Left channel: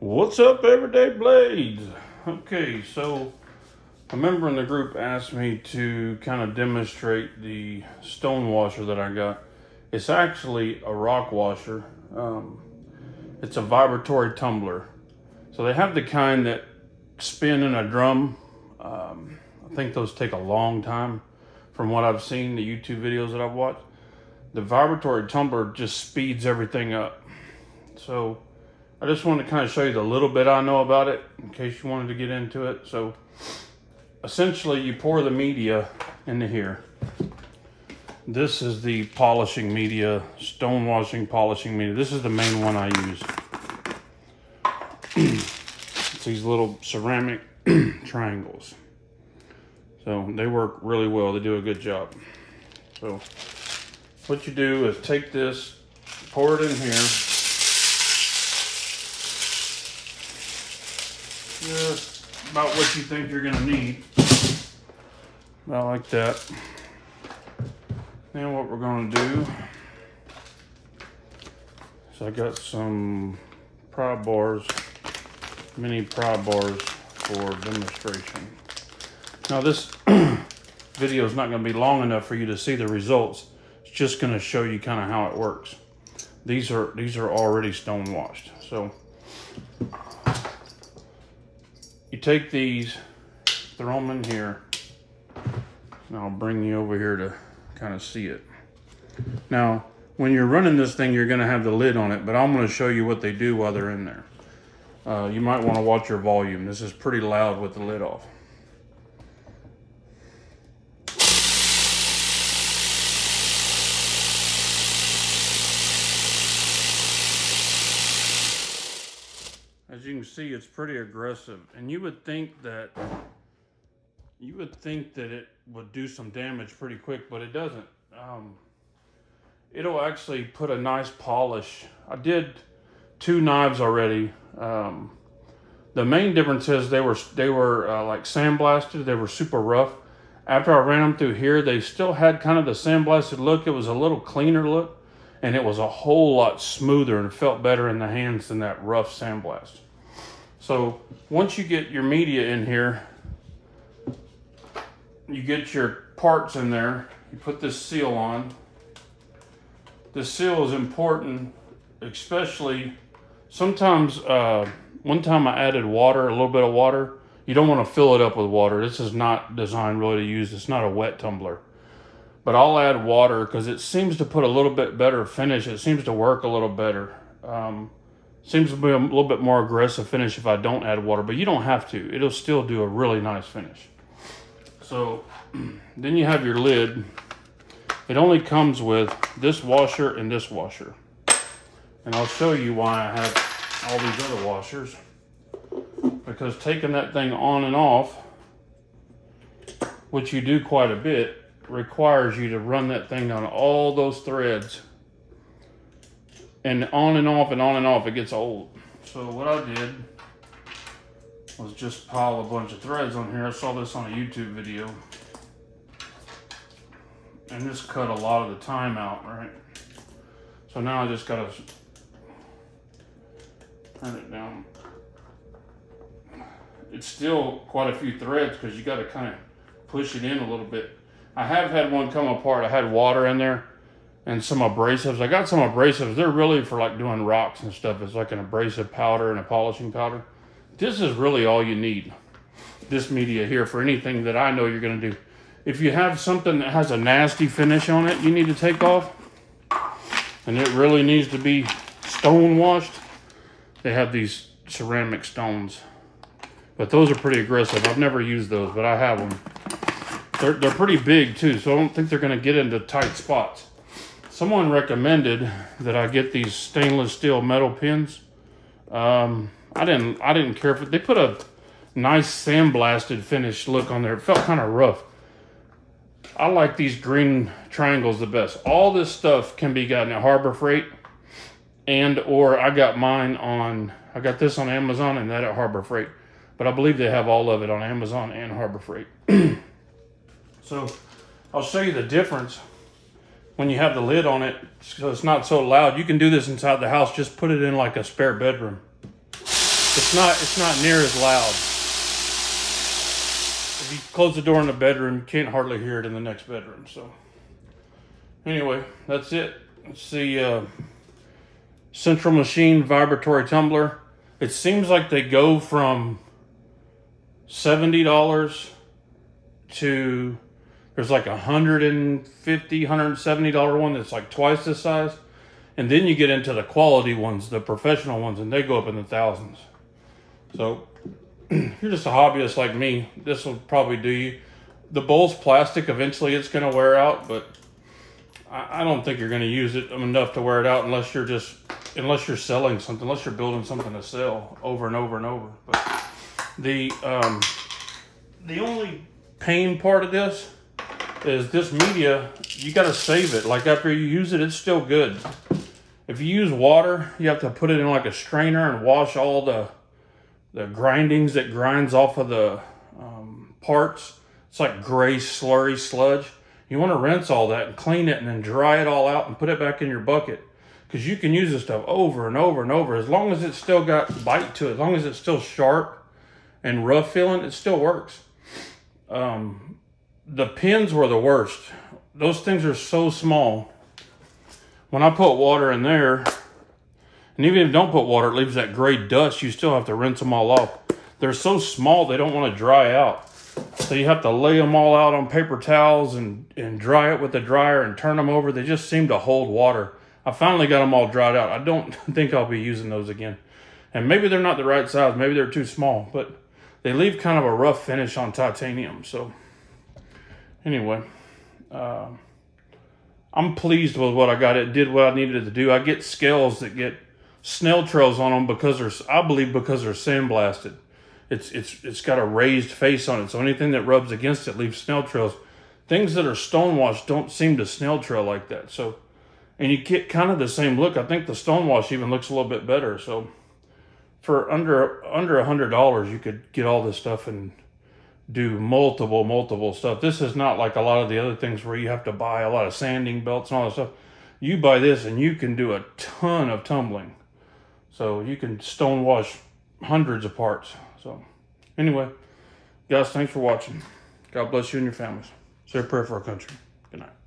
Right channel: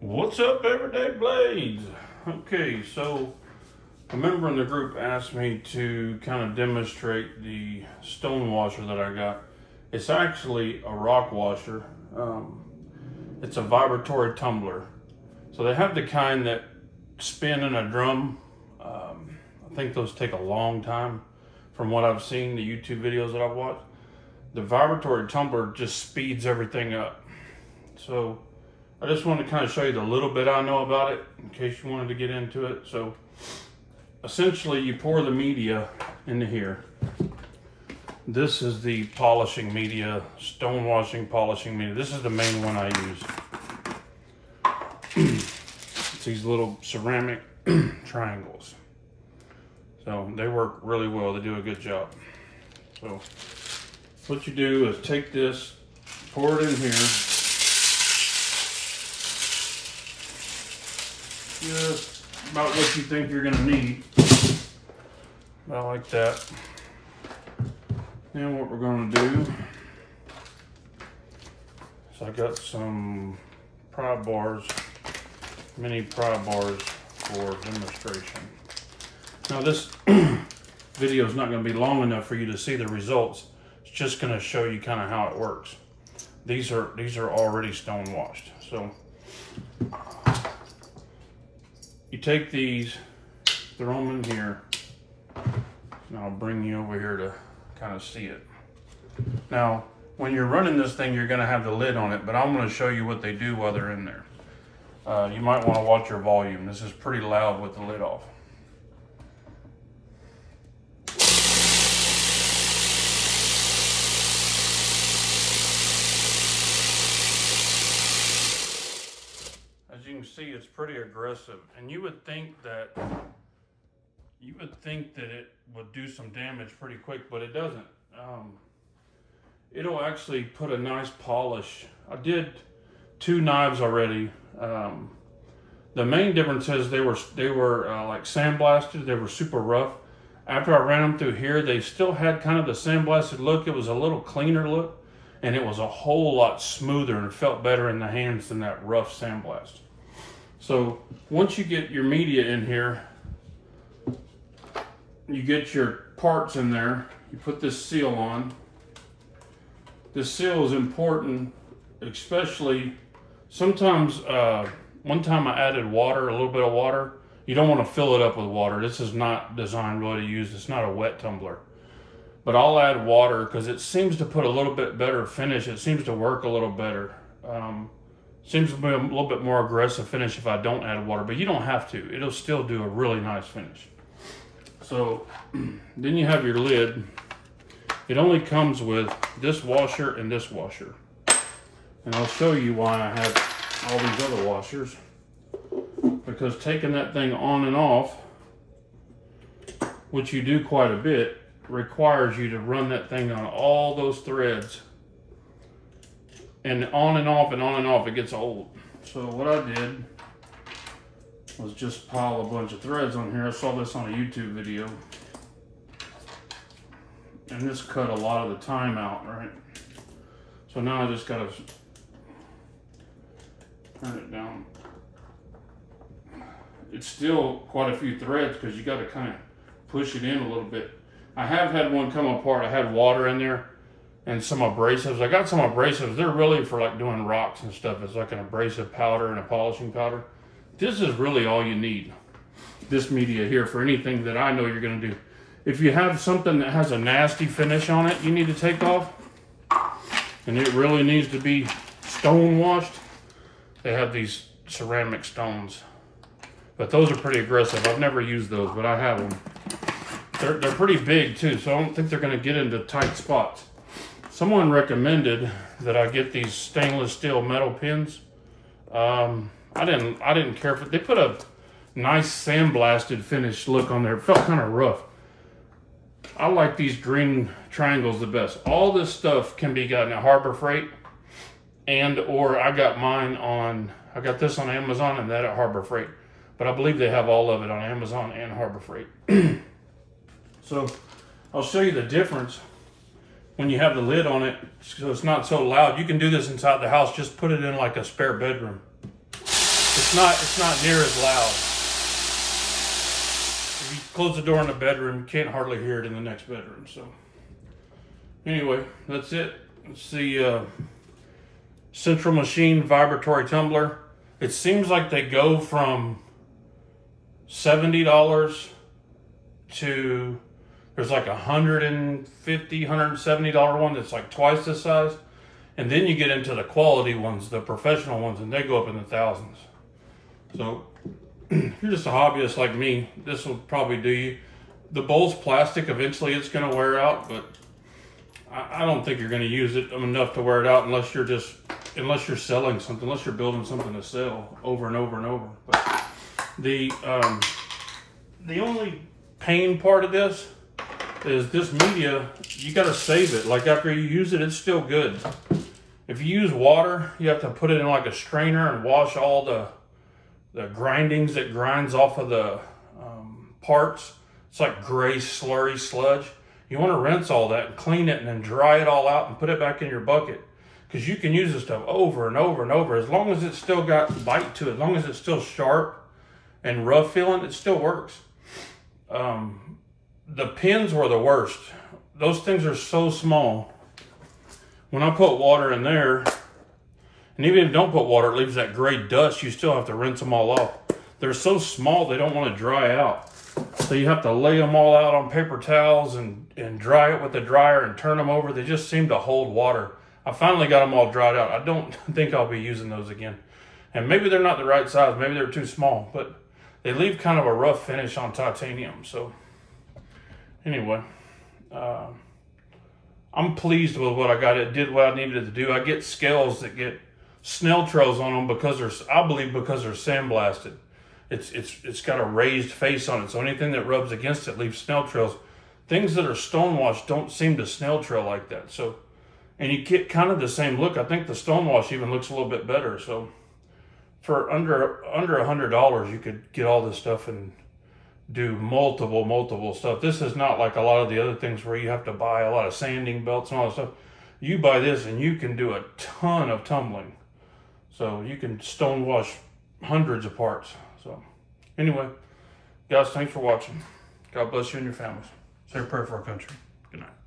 What's up, Everyday Blades? Okay, so a member in the group asked me to kind of demonstrate the stone washer that I got. It's actually a rock washer. It's a vibratory tumbler. So they have the kind that spin in a drum. I think those take a long time from what I've seen, the YouTube videos that I've watched. The vibratory tumbler just speeds everything up. So I just want to kind of show you the little bit I know about it in case you wanted to get into it. So essentially you pour the media into here. This is the polishing media, stone washing polishing media. This is the main one I use. It's these little ceramic triangles. So they work really well. They do a good job. So what you do is take this, pour it in here. Just about what you think you're gonna need. About like that. Then what we're gonna do is I got some pry bars, mini pry bars for demonstration. Now this video is not gonna be long enough for you to see the results. It's just gonna show you kind of how it works. These are already stone washed. So you take these, throw them in here, and I'll bring you over here to kind of see it. Now, when you're running this thing, you're gonna have the lid on it, but I'm gonna show you what they do while they're in there. You might wanna watch your volume. This is pretty loud with the lid off. As you can see, it's pretty aggressive, and you would think that it would do some damage pretty quick, but it doesn't. It'll actually put a nice polish. I did 2 knives already. The main difference is they were like sandblasted. They were super rough. After I ran them through here, they still had kind of the sandblasted look. It was a little cleaner look, and it was a whole lot smoother and felt better in the hands than that rough sandblast. So once you get your media in here, you get your parts in there, you put this seal on. This seal is important, especially sometimes, one time I added water, a little bit of water. You don't want to fill it up with water. This is not designed really to use, it's not a wet tumbler. But I'll add water because it seems to put a little bit better finish. It seems to work a little better. Seems to be a little bit more aggressive finish if I don't add water, but you don't have to. It'll still do a really nice finish. So then you have your lid. It only comes with this washer and this washer. And I'll show you why I have all these other washers. Because taking that thing on and off, which you do quite a bit, requires you to run that thing on all those threads. And on and off and on and off, it gets old. So what I did was just pile a bunch of threads on here. I saw this on a YouTube video. And this cut a lot of the time out, right? So now I just gotta turn it down. It's still quite a few threads because you gotta kind of push it in a little bit. I have had one come apart. I had water in there and some abrasives. I got some abrasives. They're really for like doing rocks and stuff. It's like an abrasive powder and a polishing powder. This is really all you need, this media here, for anything that I know you're gonna do. If you have something that has a nasty finish on it you need to take off, and it really needs to be stone washed, they have these ceramic stones. But those are pretty aggressive. I've never used those, but I have them. They're pretty big too, so I don't think they're gonna get into tight spots. Someone recommended that I get these stainless steel metal pins. I didn't care for it. They put a nice sandblasted finish look on there. It felt kind of rough. I like these green triangles the best. All this stuff can be gotten at Harbor Freight, or I got this on Amazon and that at Harbor Freight. But I believe they have all of it on Amazon and Harbor Freight. So I'll show you the difference when you have the lid on it, so it's not so loud. You can do this inside the house. Just put it in like a spare bedroom. It's not near as loud. If you close the door in the bedroom, you can't hardly hear it in the next bedroom. So anyway, that's it. It's the Central Machine Vibratory Tumbler. It seems like they go from $70 to, there's like $150, $170 one that's like twice this size. And then you get into the quality ones, the professional ones, and they go up in the thousands. So if you're just a hobbyist like me, this will probably do you. The bowl's plastic. Eventually it's going to wear out, but I don't think you're going to use it enough to wear it out unless you're selling something, unless you're building something to sell over and over and over. But the only pain part of this is this media, you got to save it. Like after you use it, it's still good. If you use water, you have to put it in like a strainer and wash all the grindings that grinds off of the parts. It's like gray slurry sludge. You want to rinse all that and clean it and then dry it all out and put it back in your bucket, because you can use this stuff over and over and over. As long as it's still got bite to it, as long as it's still sharp and rough feeling, it still works. The pins were the worst. Those things are so small. When I put water in there, and even if you don't put water, it leaves that gray dust. You still have to rinse them all off. They're so small, they don't want to dry out. So you have to lay them all out on paper towels and dry it with the dryer and turn them over. They just seem to hold water. I finally got them all dried out. I don't think I'll be using those again. And maybe they're not the right size. Maybe they're too small, but they leave kind of a rough finish on titanium. So anyway, I'm pleased with what I got. It did what I needed it to do. I get scales that get snail trails on them because I believe because they're sandblasted. It's got a raised face on it, so anything that rubs against it leaves snail trails. Things that are stonewash don't seem to snail trail like that. So, and you get kind of the same look. I think the stonewash even looks a little bit better. So for under $100, you could get all this stuff and do multiple stuff. This is not like a lot of the other things where you have to buy a lot of sanding belts and all that stuff. You buy this and you can do a ton of tumbling. So you can stonewash hundreds of parts. So anyway, guys, thanks for watching. God bless you and your families. Say a prayer for our country. Good night.